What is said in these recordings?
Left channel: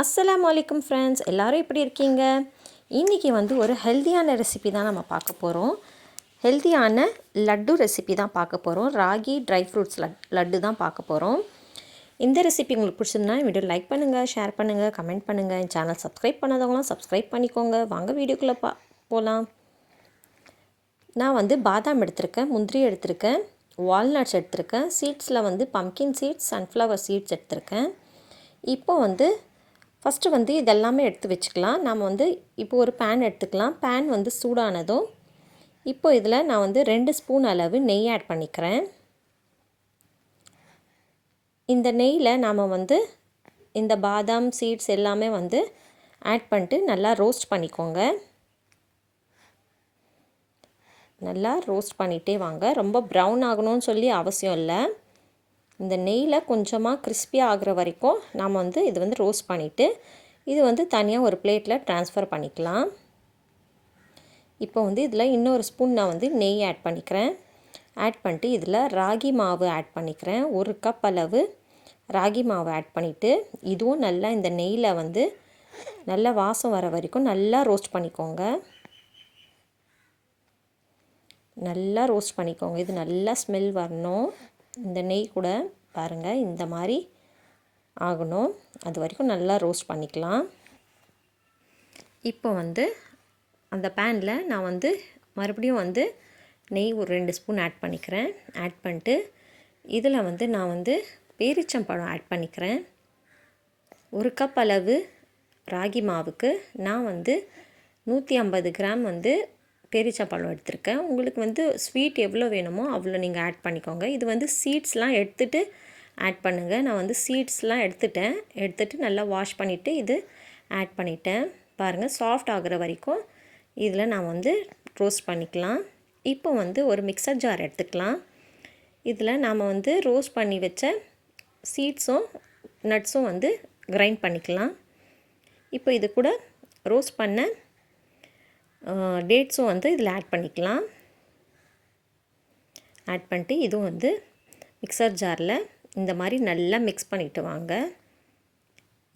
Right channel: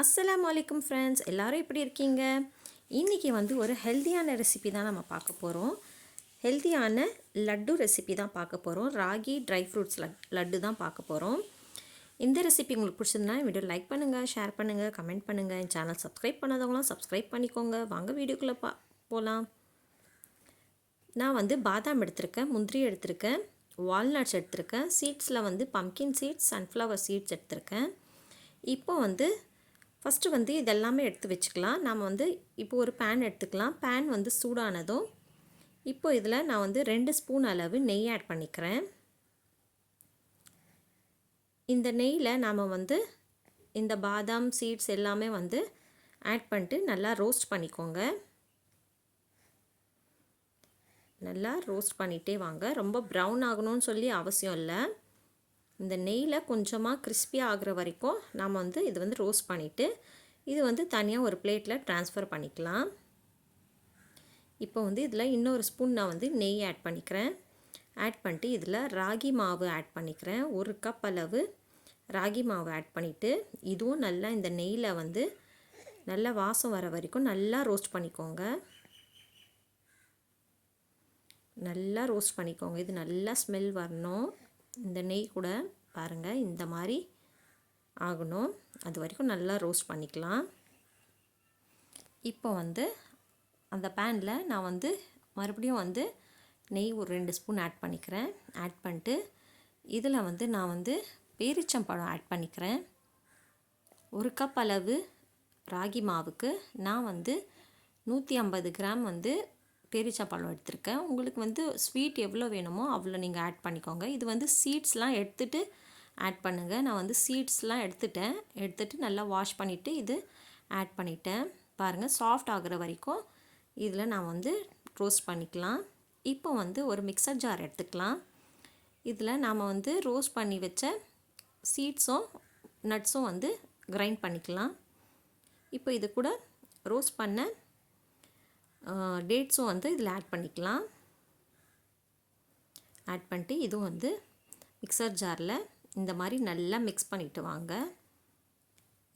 அஸ்லாம் வலைக்கம் ஃப்ரெண்ட்ஸ் எல்லோரும் எப்படி இருக்கீங்க? இன்றைக்கி வந்து ஒரு ஹெல்த்தியான ரெசிபி தான் நம்ம பார்க்க போகிறோம் ஹெல்த்தியான லட்டு ரெசிபி தான் பார்க்க போகிறோம் ராகி ட்ரை ஃப்ரூட்ஸ் லட்டு தான் பார்க்க போகிறோம் இந்த ரெசிபி உங்களுக்கு பிடிச்சிருந்தா வீடியோ லைக் பண்ணுங்கள் ஷேர் பண்ணுங்கள் கமெண்ட் பண்ணுங்கள் என் சேனல் சப்ஸ்கிரைப் பண்ணாதவங்களாம் சப்ஸ்கிரைப் பண்ணிக்கோங்க. வாங்க வீடியோக்குள்ளே பா போகலாம் நான் வந்து பாதாம் எடுத்திருக்கேன் முந்திரி எடுத்திருக்கேன் வால்நட்ஸ் எடுத்திருக்கேன் சீட்ஸில் வந்து பம்கின் சீட்ஸ் சன்ஃப்ளவர் சீட்ஸ் எடுத்திருக்கேன். இப்போ வந்து ஃபஸ்ட்டு வந்து இதெல்லாமே எடுத்து வச்சுக்கலாம். நாம் வந்து இப்போ ஒரு பேன் எடுத்துக்கலாம். பேன் வந்து சூடானதும் இப்போ இதில் நான் வந்து ரெண்டு ஸ்பூன் அளவு நெய் ஆட் பண்ணிக்கிறேன். இந்த நெய்யில் நாம் வந்து இந்த பாதாம் சீட்ஸ் எல்லாமே வந்து ஆட் பண்ணிட்டு நல்லா ரோஸ்ட் பண்ணிக்கோங்க. நல்லா ரோஸ்ட் பண்ணிகிட்டே வாங்க. ரொம்ப ப்ரௌன் ஆகணும்னு சொல்லி அவசியம் இல்லை. இந்த நெய்யில் கொஞ்சமாக கிறிஸ்பியாக ஆகிற வரைக்கும் நாம் வந்து இது வந்து ரோஸ்ட் பண்ணிவிட்டு இது வந்து தனியாக ஒரு பிளேட்டில் ட்ரான்ஸ்ஃபர் பண்ணிக்கலாம். இப்போ வந்து இதில் இன்னொரு ஸ்பூன் நான் வந்து நெய் ஆட் பண்ணிக்கிறேன். ஆட் பண்ணிட்டு இதில் ராகி மாவு ஆட் பண்ணிக்கிறேன். ஒரு கப் அளவு ராகி மாவு ஆட் பண்ணிவிட்டு இதுவும் நல்லா இந்த நெய்யில் வந்து நல்லா வாசம் வர வரைக்கும் நல்லா ரோஸ்ட் பண்ணிக்கோங்க. நல்லா ரோஸ்ட் பண்ணிக்கோங்க. இது நல்லா ஸ்மெல் வரணும். இந்த நெய் கூட பாருங்கள் இந்த மாதிரி ஆகணும். அது வரைக்கும் நல்லா ரோஸ்ட் பண்ணிக்கலாம். இப்போ வந்து அந்த பேனில் நான் வந்து மறுபடியும் வந்து நெய் ஒரு ரெண்டு ஸ்பூன் ஆட் பண்ணிக்கிறேன். ஆட் பண்ணிட்டு இதில் வந்து நான் வந்து பேரிச்சம்பழம் ஆட் பண்ணிக்கிறேன். ஒரு கப் அளவு ராகி மாவுக்கு நான் வந்து நூற்றி ஐம்பது கிராம் வந்து பேரிச்சம்பழம் எடுத்திருக்கேன். உங்களுக்கு வந்து ஸ்வீட் எவ்வளோ வேணுமோ அவ்வளோ நீங்கள் ஆட் பண்ணிக்கோங்க. இது வந்து சீட்ஸ்லாம் எடுத்துகிட்டு ஆட் பண்ணுங்கள் நான் வந்து சீட்ஸ்லாம் எடுத்துட்டேன். எடுத்துகிட்டு நல்லா வாஷ் பண்ணிவிட்டு இது ஆட் பண்ணிட்டேன். பாருங்கள் சாஃப்ட் ஆகிற வரைக்கும் இதில் நான் வந்து ரோஸ்ட் பண்ணிக்கலாம். இப்போ வந்து ஒரு மிக்சர் ஜார் எடுத்துக்கலாம். இதில் நாம் வந்து ரோஸ்ட் பண்ணி வச்ச சீட்ஸும் நட்ஸும் வந்து கிரைண்ட் பண்ணிக்கலாம். இப்போ இது கூட ரோஸ்ட் பண்ண டேட்ஸும் வந்து இதில் ஆட் பண்ணிக்கலாம். ஆட் பண்ணிட்டு இதுவும் வந்து மிக்சர் ஜாரில் இந்த மாதிரி நல்லா மிக்ஸ் பண்ணிவிட்டு வாங்க.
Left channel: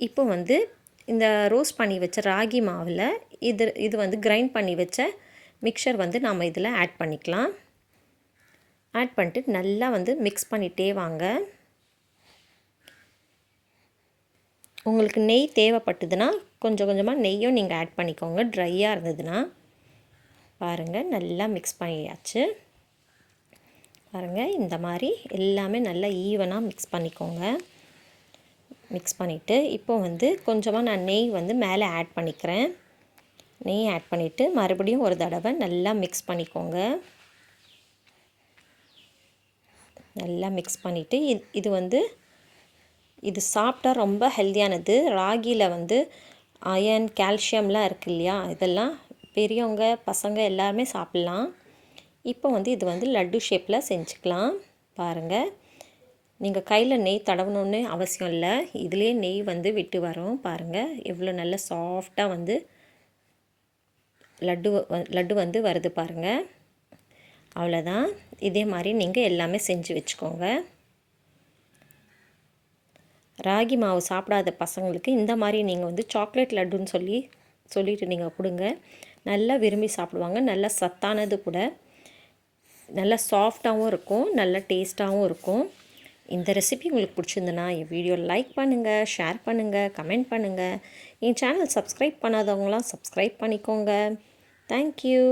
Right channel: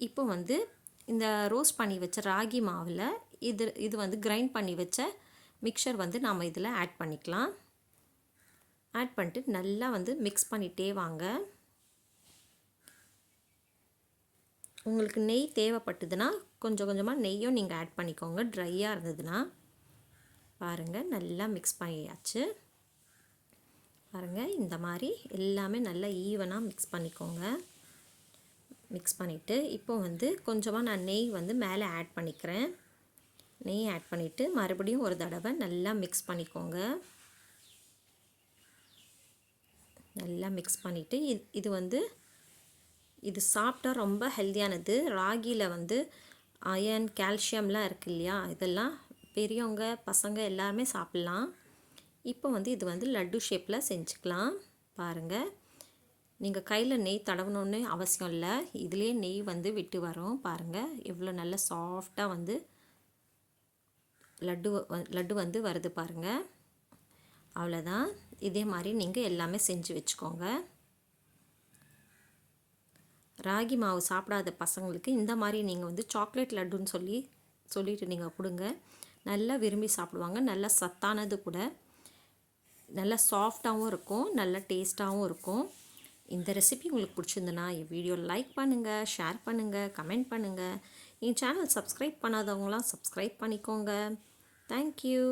இப்போ வந்து இந்த ரோஸ்ட் பண்ணி வச்ச ராகி மாவில் இது இது வந்து கிரைண்ட் பண்ணி வச்ச மிக்சர் வந்து நாம் இதில் ஆட் பண்ணிக்கலாம். ஆட் பண்ணிட்டு நல்லா வந்து மிக்ஸ் பண்ணிகிட்டே வாங்க. உங்களுக்கு நெய் தேவைப்பட்டதுன்னா கொஞ்சம் கொஞ்சமாக நெய்யும் நீங்கள் ஆட் பண்ணிக்கோங்க. ட்ரையாக இருந்ததுன்னா பாருங்கள் நல்லா மிக்ஸ் பண்ணியாச்சு. பாருங்கள் இந்த மாதிரி எல்லாமே நல்லா ஈவனாக மிக்ஸ் பண்ணிக்கோங்க. மிக்ஸ் பண்ணிவிட்டு இப்போ வந்து கொஞ்சமாக நான் நெய் வந்து மேலே ஆட் பண்ணிக்கிறேன். நெய் ஆட் பண்ணிவிட்டு மறுபடியும் ஒரு தடவை நல்லா மிக்ஸ் பண்ணிக்கோங்க. நல்லா மிக்ஸ் பண்ணிவிட்டு இது வந்து இது சாப்பிட்டா ரொம்ப ஹெல்த்தியானது ராகியில் வந்து அயன் கால்சியம்லாம் இருக்குது இல்லையா? இதெல்லாம் பெரியவங்க பசங்க எல்லாருமே சாப்பிட்லாம். இப்போ வந்து இது வந்து லட்டு ஷேப்பில் செஞ்சுக்கலாம். பாருங்கள் நீங்கள் கையில் நெய் தடவணுன்னு அவசியம் இல்லை. இதிலே நெய் வந்து விட்டு வரும். பாருங்கள் எவ்வளோ நல்ல சாஃப்டாக வந்து லட்டு லட்டு வந்து வருது பாருங்கள் அவ்வளோதான் இதே மாதிரி நீங்கள் எல்லாமே செஞ்சு வச்சுக்கோங்க. ராகி மாவு சாப்பிடாத பசங்களுக்கு இந்த மாதிரி நீங்கள் வந்து சாக்லேட் லட்டுன்னு சொல்லி சொல்லிட்டு நீங்கள் கொடுங்க. நல்லா விரும்பி சாப்பிடுவாங்க. நல்லா சத்தானது கூட. நல்லா சாஃப்டாகவும் இருக்கும். நல்லா டேஸ்ட்டாகவும் இருக்கும். இந்த ரெசிபி உங்களுக்கு பிடிச்சிருந்துன்னா என் வீடியோ லைக் பண்ணுங்கள் ஷேர் பண்ணுங்கள் கமெண்ட் பண்ணுங்கள் என் சேனல் சப்ஸ்கிரைப் பண்ணாதவங்களாம் சப்ஸ்கிரைப் பண்ணிக்கோங்க. Thank you